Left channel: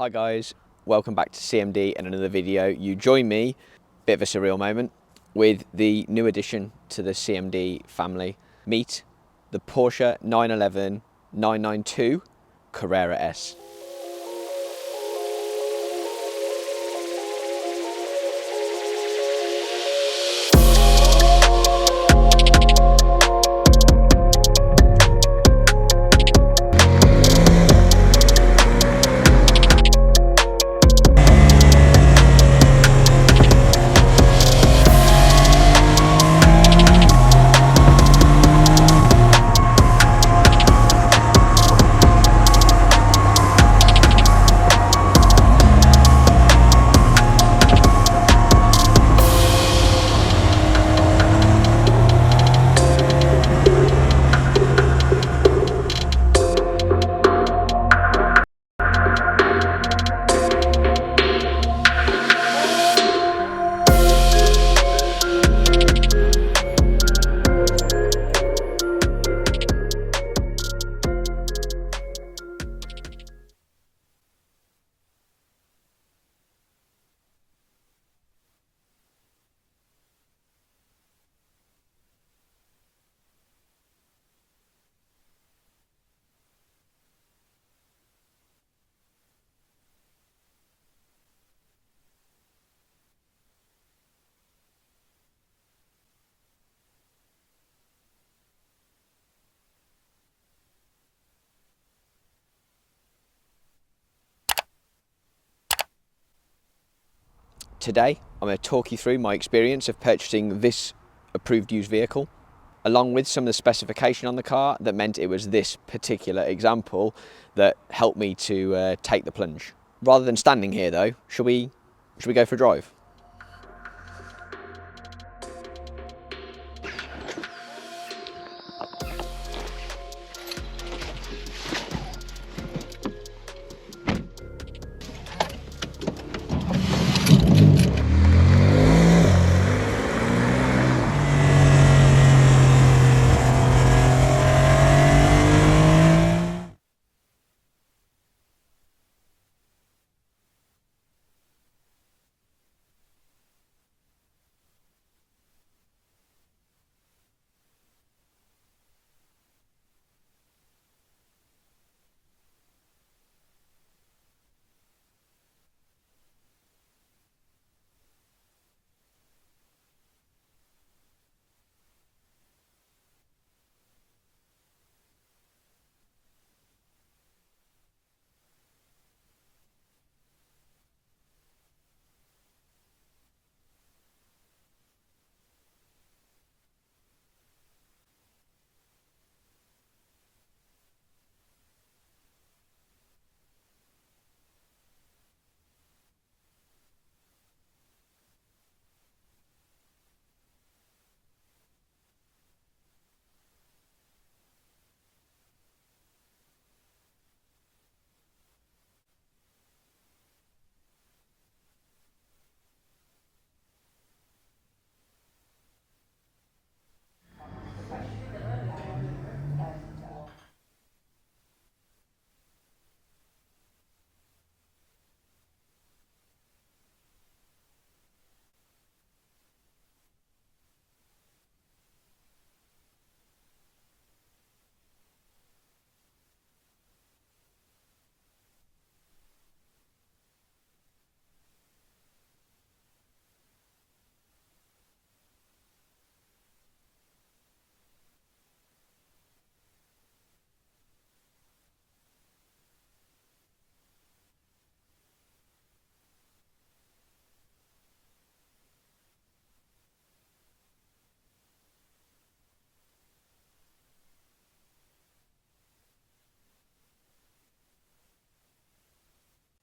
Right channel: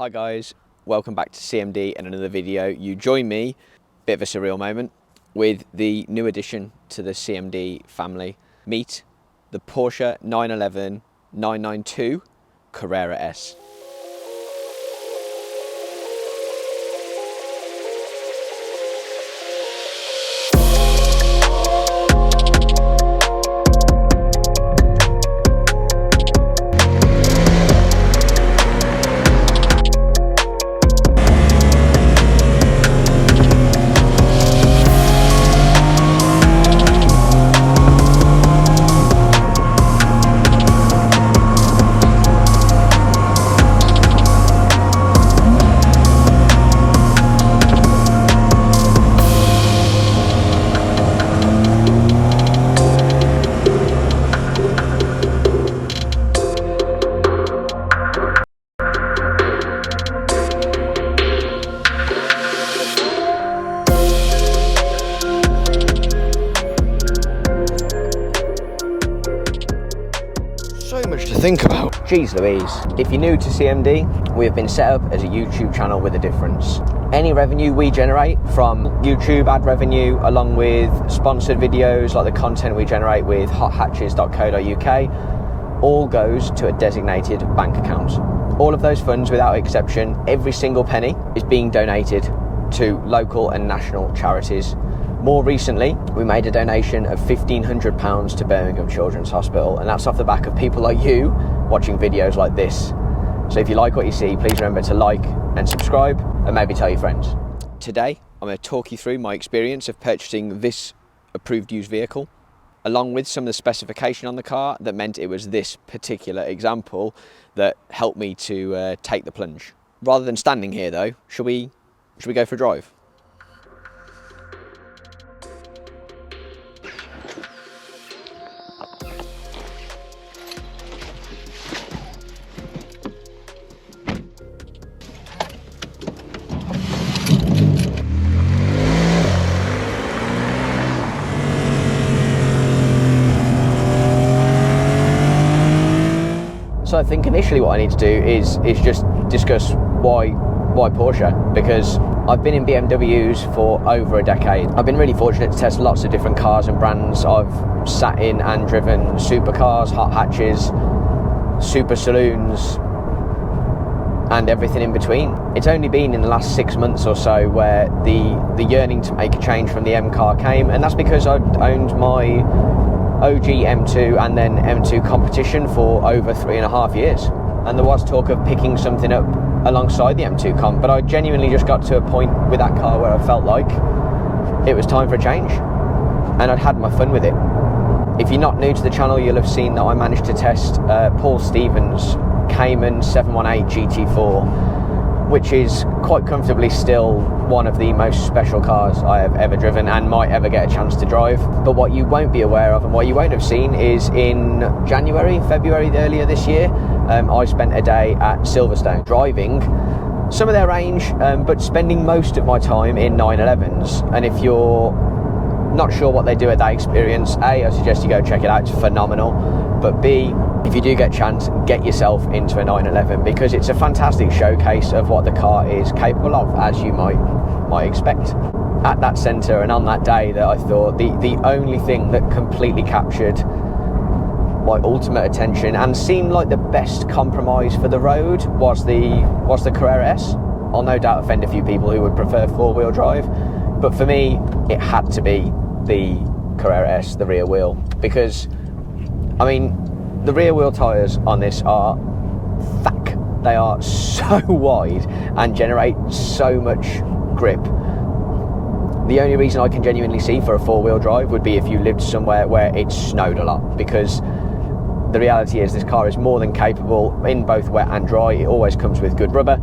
Hi guys, welcome back to CMD and another video. You join me, bit of a surreal moment, with the new addition to the CMD family. Meet the Porsche 911 992 Carrera S. Think about. Jeez Louise. If you're new to CMD, we have been set up as a YouTube channel with a difference. Any revenue we generate from YouTube ad revenue, along with sponsored videos like the content we generate with hothatches.co.uk, all goes to a designated bank account. All of those funds, without exception, every single penny is being donated to local and national charities. More recently, we made a donation of £1,500 to Birmingham Children's Hospital, and that's off the back of people like you watching videos like this. So if you like what you see, please remember to like and subscribe, and maybe tell your friends. Today, I'm going to talk you through my experience of purchasing this approved used vehicle, along with some of the specification on the car that meant it was this particular example that helped me to take the plunge. Rather than standing here though, should we go for a drive? So I think initially what I need to do is just discuss why Porsche, because I've been in BMWs for over a decade. I've been really fortunate to test lots of different cars and brands. I've sat in and driven supercars, hot hatches, super saloons, and everything in between. It's only been in the last 6 months or so where the yearning to make a change from the M car came, and that's because I'd owned my OG M2 and then M2 Competition for over 3.5 years, and there was talk of picking something up alongside the M2 Comp, but I genuinely just got to a point with that car where I felt like it was time for a change, and I'd had my fun with it. If you're not new to the channel, you'll have seen that I managed to test Paul Stevens' Cayman 718 GT4, which is quite comfortably still one of the most special cars I have ever driven and might ever get a chance to drive. But what you won't be aware of and what you won't have seen is in February earlier this year, I spent a day at Silverstone driving some of their range, but spending most of my time in 911s. And if you're not sure what they do at that experience, A, I suggest you go check it out, it's phenomenal. But B, if you do get a chance, get yourself into a 911, because it's a fantastic showcase of what the car is capable of, as you might expect. At that centre and on that day, that I thought the only thing that completely captured my ultimate attention and seemed like the best compromise for the road was the Carrera S. I'll no doubt offend a few people who would prefer four-wheel drive, but for me, it had to be the Carrera S, the rear wheel, because, I mean, the rear wheel tyres on this are thick. They are so wide and generate so much grip. The only reason I can genuinely see for a four-wheel drive would be if you lived somewhere where it snowed a lot, because the reality is this car is more than capable in both wet and dry. It always comes with good rubber,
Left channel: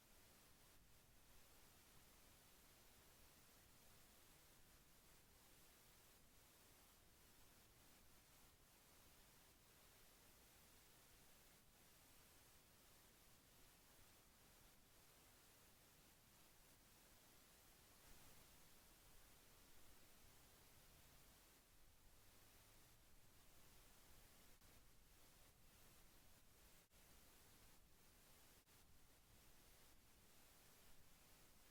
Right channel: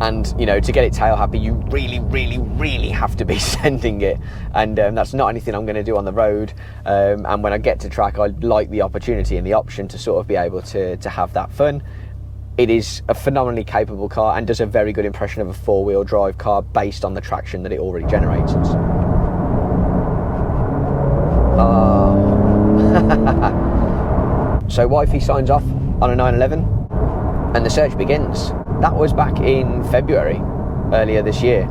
and you know, to get it tail happy, you really have to be sending it, and that's not anything I'm going to do on the road, and when I get to track, I'd like the opportunity and the option to sort of be able to have that fun. It is a phenomenally capable car and does a very good impression of a four-wheel drive car based on the traction that it already generates. So wifey signs off on a 911 and the search begins. that was back in February, earlier this year.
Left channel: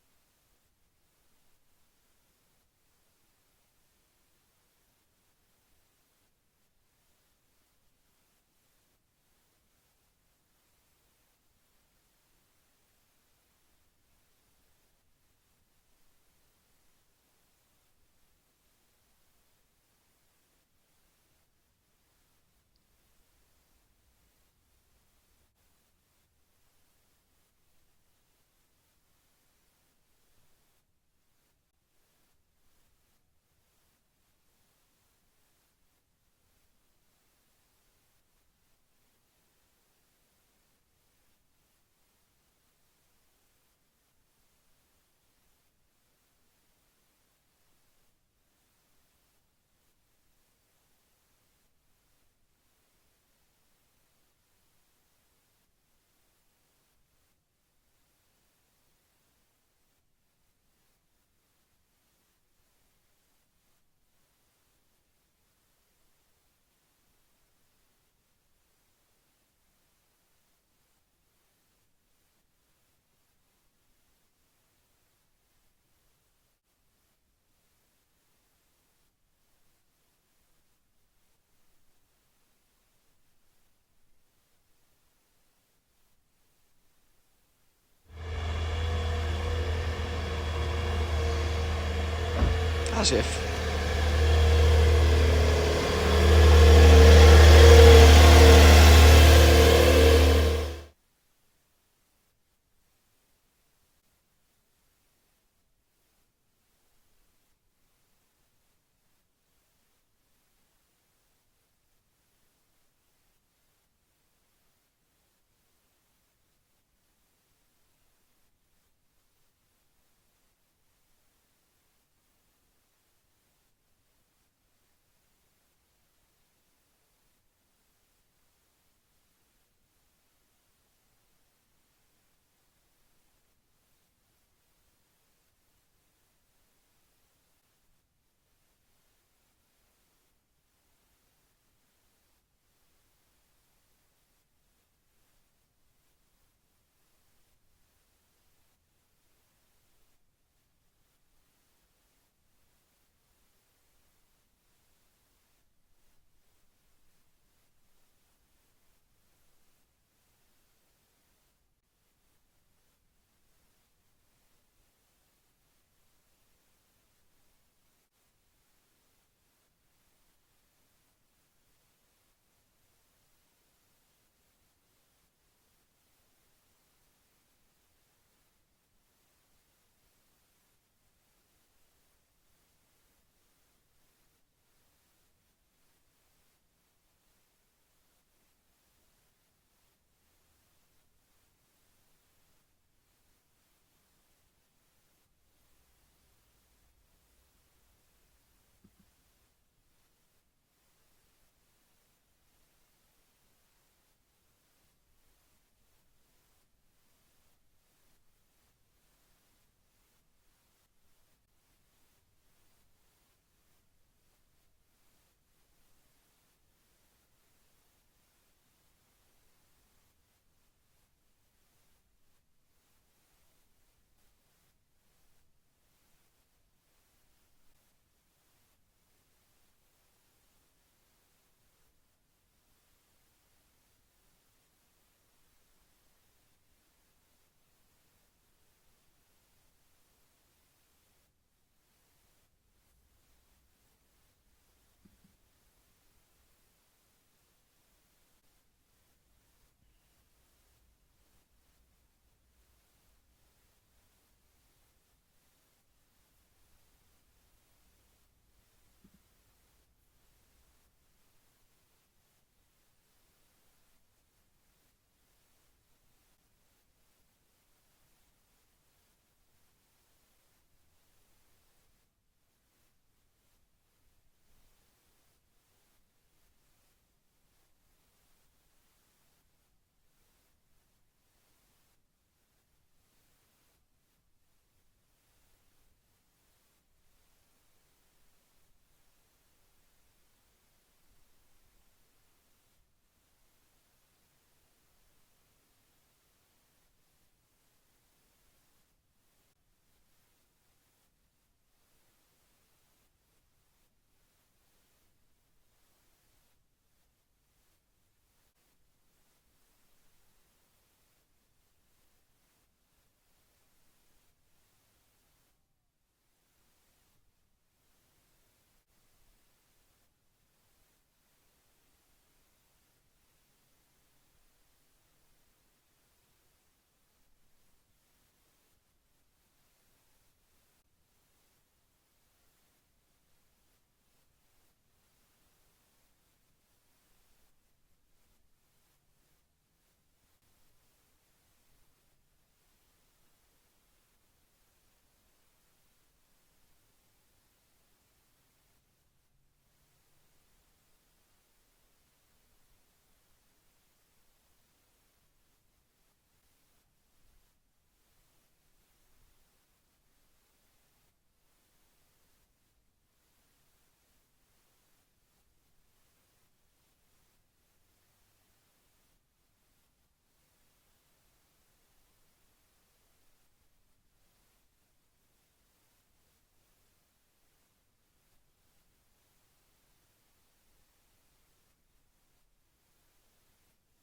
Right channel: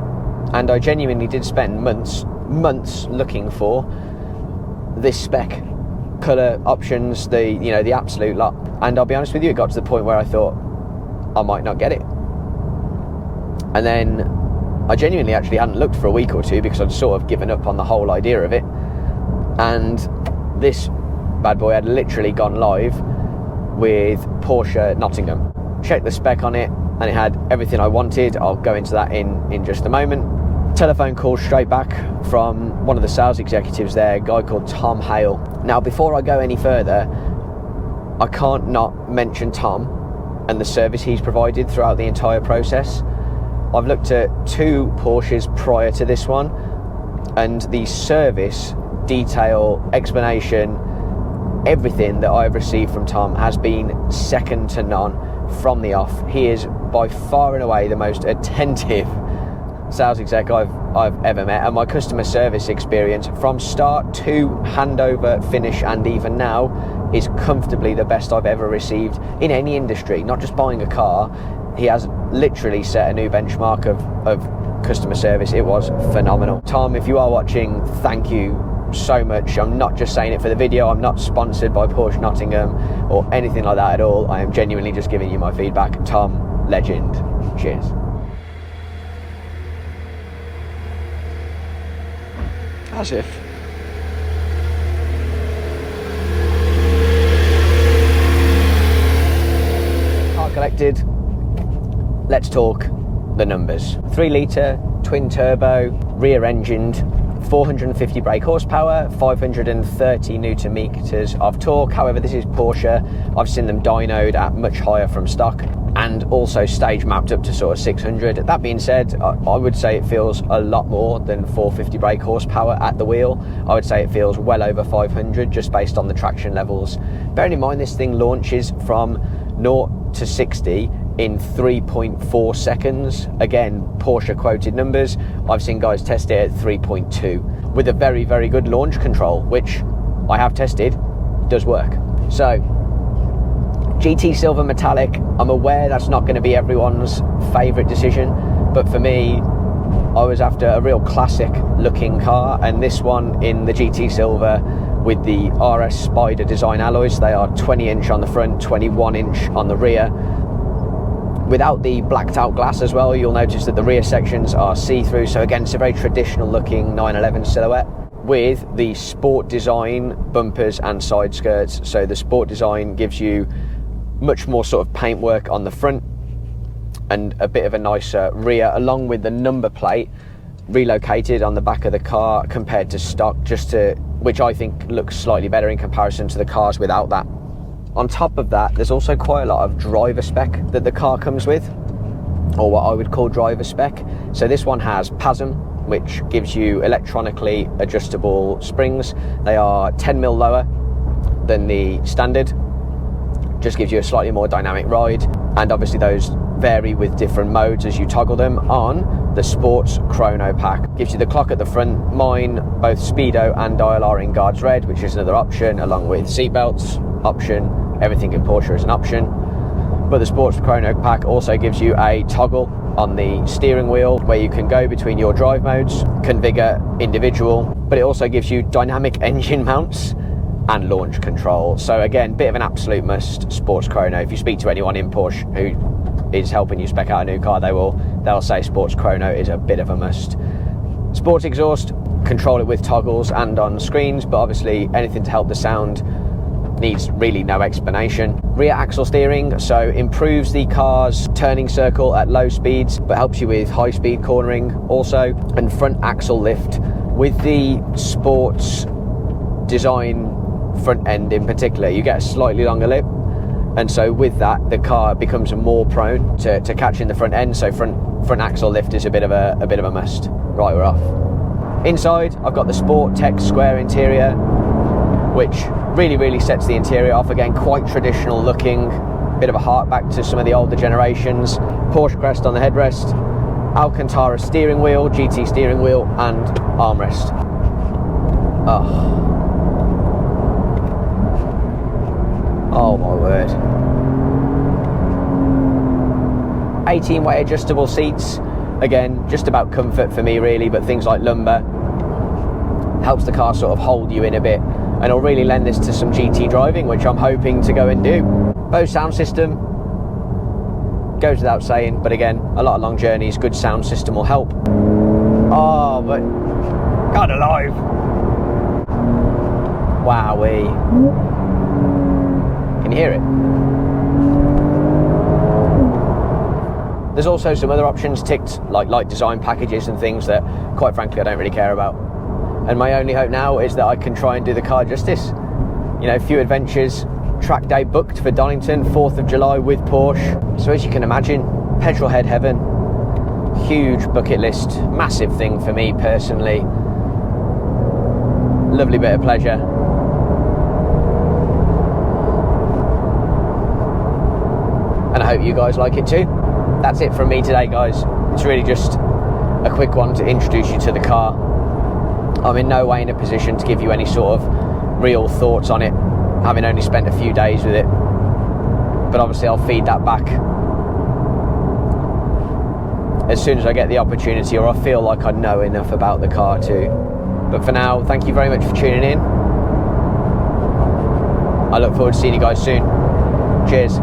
And I genuinely did spend months looking for this spec, colour options, the absolute lot. And I'll be honest with you, it got to the point where I thought I might not get it. And then I genuinely actually hadn't looked for a week or two because I'd sort of given up on the whole idea of it. And this bad boy had literally gone live with Porsche Nottingham. Checked the spec on it and it had everything I wanted. I'll go into that in just a moment. Telephone call straight back from one of the sales executives there, a guy called Tom Hale. Now, before I go any further, I can't not mention Tom and the service he's provided throughout the entire process. I've looked at 2 Porsches prior to this one, and the service, detail, explanation, everything that I've received from Tom has been second to none from the off. He is by far and away the most attentive sales exec I've ever met, and my customer service experience from start to handover, finish, and even now is comfortably the best I've ever received in any industry, not just buying a car. He has literally set a new benchmark of customer service. It was phenomenal. Tom, if you are watching, thank you so much. I'm not just saying it for the video. I'm not sponsored by Porsche Nottingham or anything like that at all. I am genuinely just giving you my feedback. Tom, legend. Cheers. As if. Car collected. Let's talk the numbers. 3 litre, twin turbo, rear engined, 450 brake horsepower, 530 newton meters of torque. However, this is Porsche. I've seen them dynoed at much higher from stock, and also stage mapped up to sort of 600. That being said, I would say it feels a lot more than 450 brake horsepower at the wheel. I would say it feels well over 500 just based on the traction levels. Bearing in mind this thing launches from 0 to 60 in 3.4 seconds. Again, Porsche quoted numbers. I've seen guys test it at 3.2 with a very, very good launch control, which I have tested, does work. So, GT Silver Metallic, I'm aware that's not going to be everyone's favourite decision, but for me, I was after a real classic looking car, and this one in the GT Silver with the RS Spider design alloys. They are 20 inch on the front, 21 inch on the rear. Without the blacked out glass as well, you'll notice that the rear sections are see-through. So again, it's a very traditional looking 911 silhouette with the sport design bumpers and side skirts. So the sport design gives you much more sort of paintwork on the front and a bit of a nicer rear, along with the number plate relocated on the back of the car compared to stock, which I think looks slightly better in comparison to the cars without that. On top of that, there's also quite a lot of driver spec that the car comes with, or what I would call driver spec. So this one has PASM, which gives you electronically adjustable springs. They are 10mm lower than the standard, just gives you a slightly more dynamic ride, and obviously those vary with different modes as you toggle them. On the Sports Chrono pack, gives you the clock at the front. Mine, both speedo and dial are in guards red, which is another option, along with seatbelts option. Everything in Porsche is an option, but the Sports Chrono pack also gives you a toggle on the steering wheel where you can go between your drive modes, configure individual, but it also gives you dynamic engine mounts and launch control. So again, bit of an absolute must, Sports Chrono. If you speak to anyone in Porsche who is helping you spec out a new car, they'll say Sports Chrono is a bit of a must. Sports exhaust, control it with toggles and on screens, but obviously anything to help the sound needs really no explanation. Rear axle steering, so improves the car's turning circle at low speeds, but helps you with high speed cornering also. And front axle lift with the sports design front end in particular, you get a slightly longer lip, and so with that the car becomes more prone to catching the front end. So front axle lift is a bit of a must. Right, we're off. Inside, I've got the Sport Tech square interior, which really sets the interior off. Again, quite traditional looking, bit of a hark back to some of the older generations. Porsche crest on the headrest, Alcantara steering wheel, GT steering wheel, and armrest. Oh my word. 18-way adjustable seats. Again, just about comfort for me really, but things like lumbar helps the car sort of hold you in a bit, and it'll really lend this to some GT driving, which I'm hoping to go and do. Bose sound system goes without saying, but again, a lot of long journeys, good sound system will help. Oh, but God alive! Wowee! Can you hear it? There's also some other options ticked, like light design packages and things that, quite frankly, I don't really care about. And my only hope now is that I can try and do the car justice. You know, a few adventures, track day booked for Donington, 4th of July with Porsche. So as you can imagine, petrol head heaven, huge bucket list, massive thing for me personally. Lovely bit of pleasure. And I hope you guys like it too. That's it from me today, guys. It's really just a quick one to introduce you to the car. I'm in no way in a position to give you any sort of real thoughts on it, having only spent a few days with it. But obviously I'll feed that back as soon as I get the opportunity, or I feel like I know enough about the car too. But for now, thank you very much for tuning in. I look forward to seeing you guys soon. Cheers.